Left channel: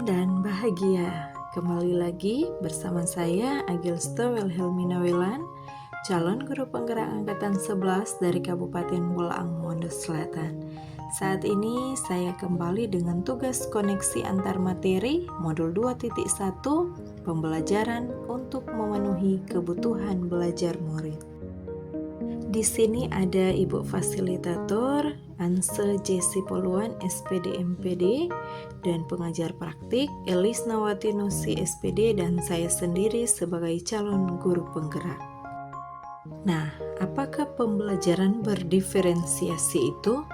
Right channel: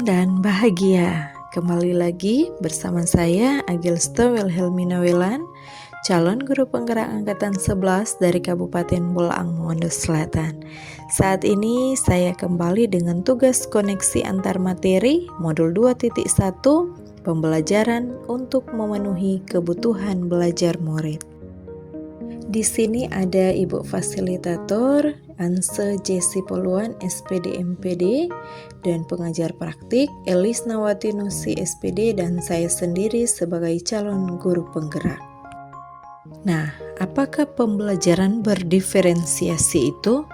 dan bahagia. Kembali lagi bersama saya Agilsta Wilhelmina Welan, calon guru penggerak angkatan 11 dari Kabupaten Bolaang Mongondo Selatan. Saat ini saya kembali dengan tugas koneksi antar materi modul 2.1 pembelajaran untuk memenuhi kebutuhan belajar murid. Di sini ada Ibu Fasilitator Anse Jesi Poluan SPD MPD dan pengajar praktik Elis Nawati Nusi SPD dan saya sendiri sebagai calon guru penggerak. Nah, apakah pembelajaran berdiferensiasi itu?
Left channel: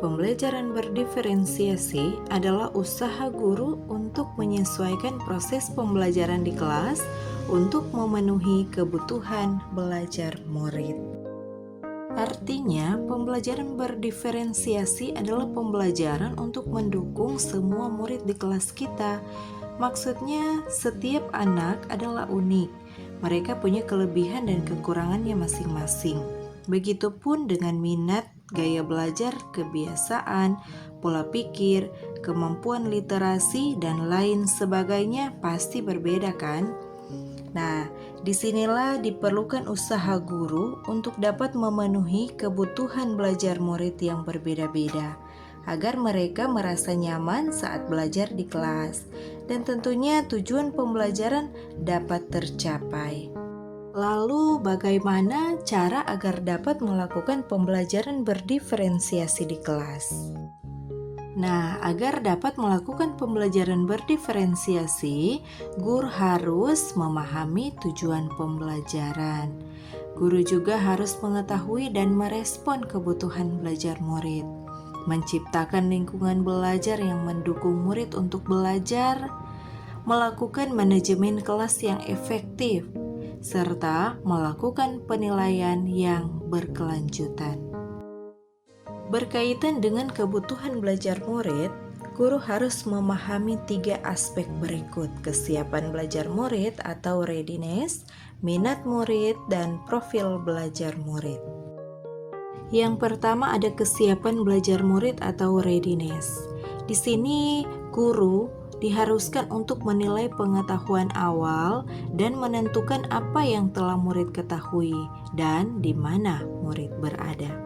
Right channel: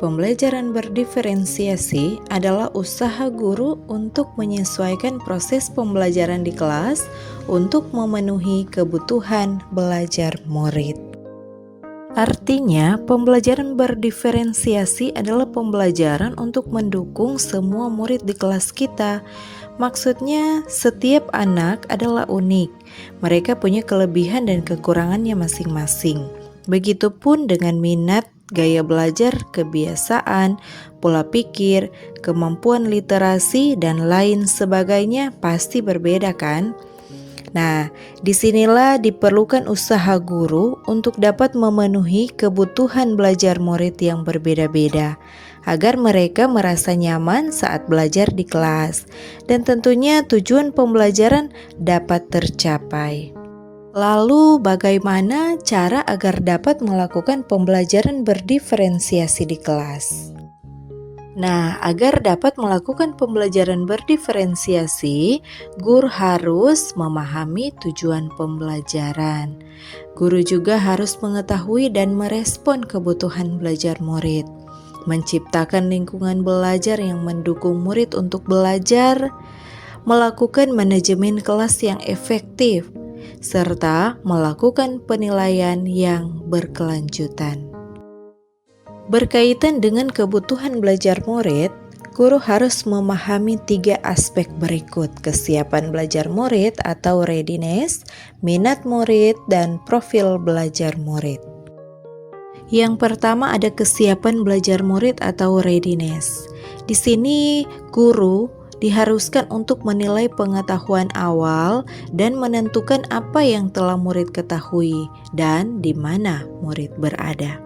Pembelajaran berdiferensiasi adalah usaha guru untuk menyesuaikan proses pembelajaran di kelas untuk memenuhi kebutuhan belajar murid. Artinya, pembelajaran berdiferensiasi adalah pembelajaran untuk mendukung semua murid di kelas kita. Maksudnya, setiap anak adalah unik. Mereka punya kelebihan dan kekurangannya masing-masing. Begitupun dengan minat, gaya belajar, kebiasaan, pola pikir, kemampuan literasi, dan lain sebagainya pasti berbeda kan? Nah, disinilah diperlukan usaha guru untuk dapat memenuhi kebutuhan belajar murid yang berbeda-beda, agar mereka merasa nyaman saat belajar di kelas, dan tentunya tujuan pembelajaran dapat tercapai. Lalu, bagaimana cara agar dapat melakukan pembelajaran berdiferensiasi di kelas? Nah, agar dapat melakukan pembelajaran berdiferensiasi, guru harus memahami tujuan pembelajaran. Guru juga harus mengetahui dan merespon kebutuhan belajar murid, menciptakan lingkungan belajar yang mendukung murid untuk belajar, melakukan manajemen kelas yang efektif, serta melakukan penilaian yang berkelanjutan. Berkaitan dengan kebutuhan belajar murid, guru harus memahami 3 aspek berikut: kesiapan belajar murid atau readiness, minat murid, dan profil belajar murid. Yang pertama ada kesiapan belajar murid atau readiness. Di sini guru diharuskan untuk menilai pengetahuan awal dan menentukan apa yang telah murid ketahui dan di mana murid berada.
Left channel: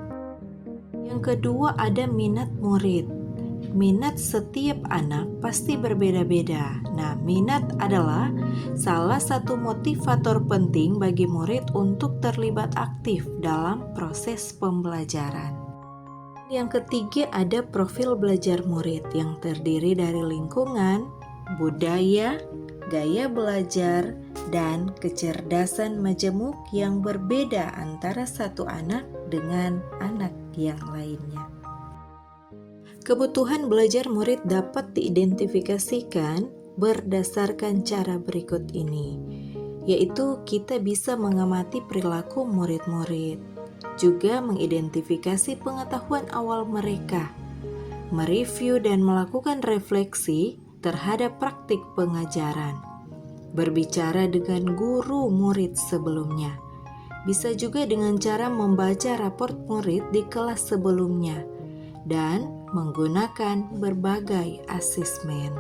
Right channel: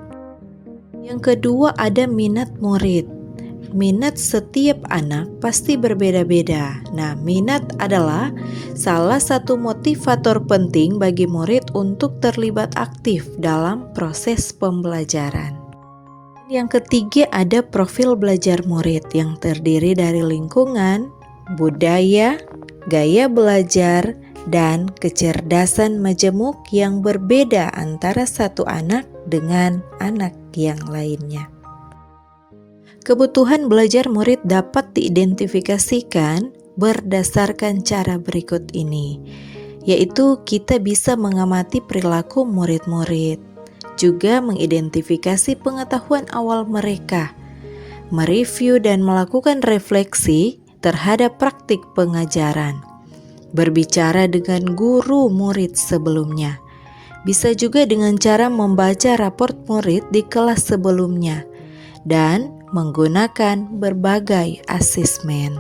Yang kedua ada minat murid. Minat setiap anak pasti berbeda-beda. Nah, minat adalah salah satu motivator penting bagi murid untuk terlibat aktif dalam proses pembelajaran. Yang ketiga ada profil belajar murid yang terdiri dari lingkungan, budaya, gaya belajar, dan kecerdasan majemuk yang berbeda antara satu anak dengan anak yang lainnya. Kebutuhan belajar murid dapat diidentifikasikan berdasarkan cara berikut ini, yaitu kita bisa mengamati perilaku murid-murid, juga mengidentifikasi pengetahuan awal mereka, mereview dan melakukan refleksi terhadap praktik pengajaran, berbicara dengan guru murid sebelumnya. Bisa juga dengan cara membaca raport murid di kelas sebelumnya dan menggunakan berbagai asesmen.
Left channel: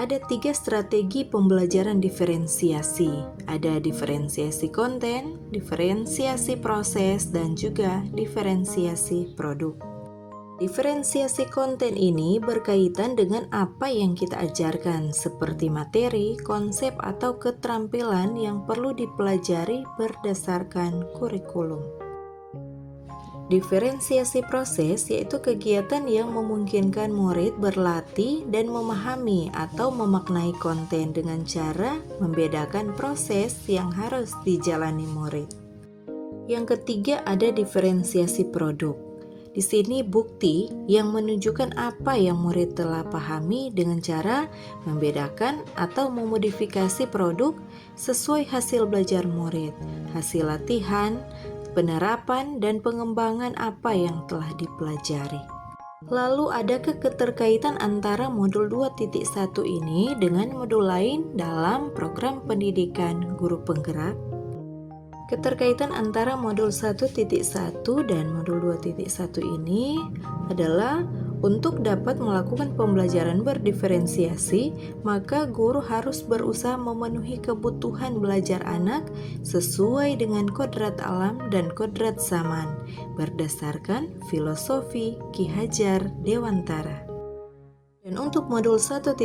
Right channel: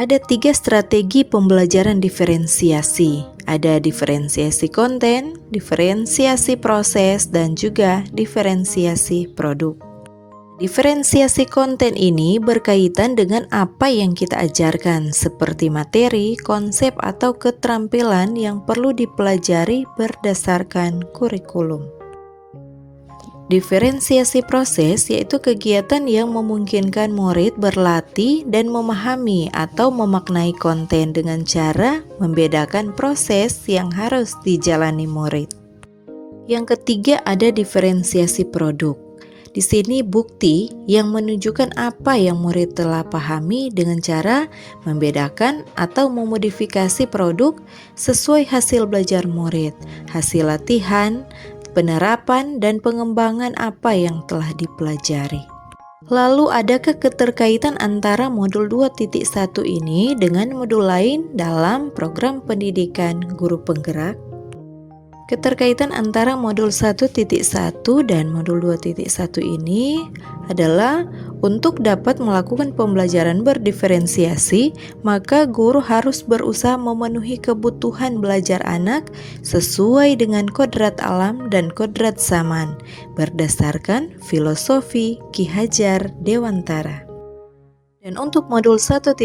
Ada 3 strategi pembelajaran diferensiasi. Ada diferensiasi konten, diferensiasi proses, dan juga diferensiasi produk. Diferensiasi konten ini berkaitan dengan apa yang kita ajarkan, seperti materi, konsep, atau keterampilan yang perlu dipelajari berdasarkan kurikulum. Diferensiasi proses yaitu kegiatan yang memungkinkan murid berlatih dan memahami atau memaknai konten dengan cara membedakan proses yang harus dijalani murid. Yang ketiga ada diferensiasi produk. Di sini bukti yang menunjukkan apa yang murid telah pahami dengan cara membedakan atau memodifikasi produk sesuai hasil belajar murid, hasil latihan, penerapan, dan pengembangan apa yang telah dipelajari. Lalu adakah keterkaitan antara modul 2.1 ini dengan modul lain dalam program pendidikan guru penggerak? Keterkaitan antara modul 1.1 dan modul 2.1 ini adalah untuk dapat melakukan pembelajaran berdiferensiasi, maka guru harus berusaha memenuhi kebutuhan belajar anak sesuai dengan kodrat alam dan kodrat zaman, berdasarkan filosofi Ki Hajar Dewantara. Dan untuk modul 1.2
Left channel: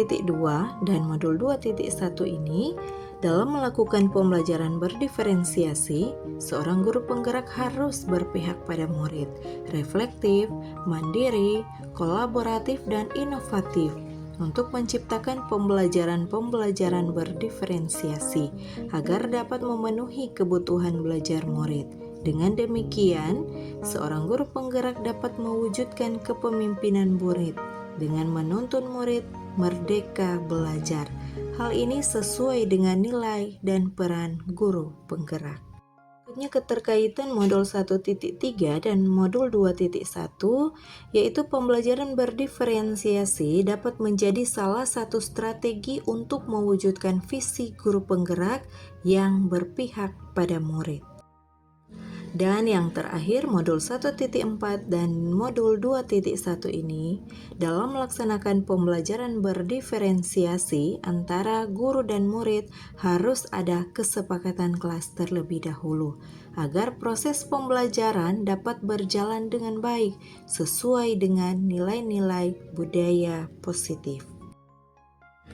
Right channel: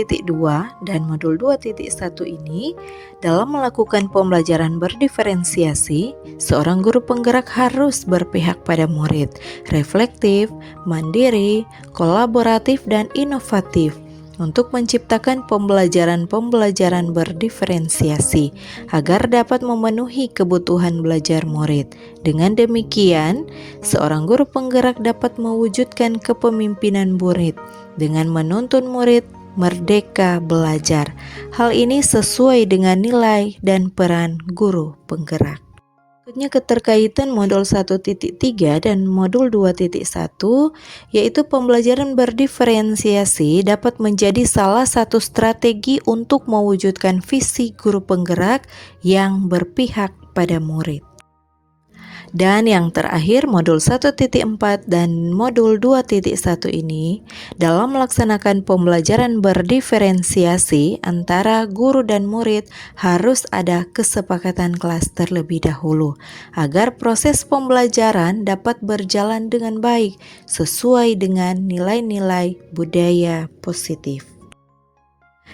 dan modul 2.1 ini, dalam melakukan pembelajaran berdiferensiasi, seorang guru penggerak harus berpihak pada murid, reflektif, mandiri, kolaboratif, dan inovatif untuk menciptakan pembelajaran berdiferensiasi agar dapat memenuhi kebutuhan belajar murid. Dengan demikian, seorang guru penggerak dapat mewujudkan kepemimpinan murid dengan menuntun murid merdeka belajar. Hal ini sesuai dengan nilai dan peran guru penggerak. Berikutnya keterkaitan modul 1.3 dan modul 2.1, yaitu pembelajaran berdiferensiasi dapat menjadi salah satu strategi untuk mewujudkan visi guru penggerak yang berpihak pada murid. Dan yang terakhir, modul 1.4 dan modul 2.1 ini dalam melaksanakan pembelajaran berdiferensiasi antara guru dan murid harus ada kesepakatan kelas terlebih dahulu agar proses pembelajaran dapat berjalan dengan baik sesuai dengan nilai-nilai budaya positif.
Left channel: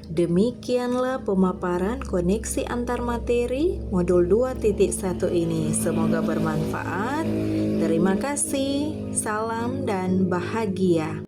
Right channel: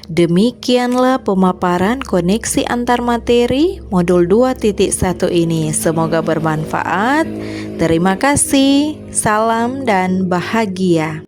Demikianlah pemaparan koneksi antar materi modul 2.1 ini. Semoga bermanfaat. Terima kasih. Salam dan bahagia.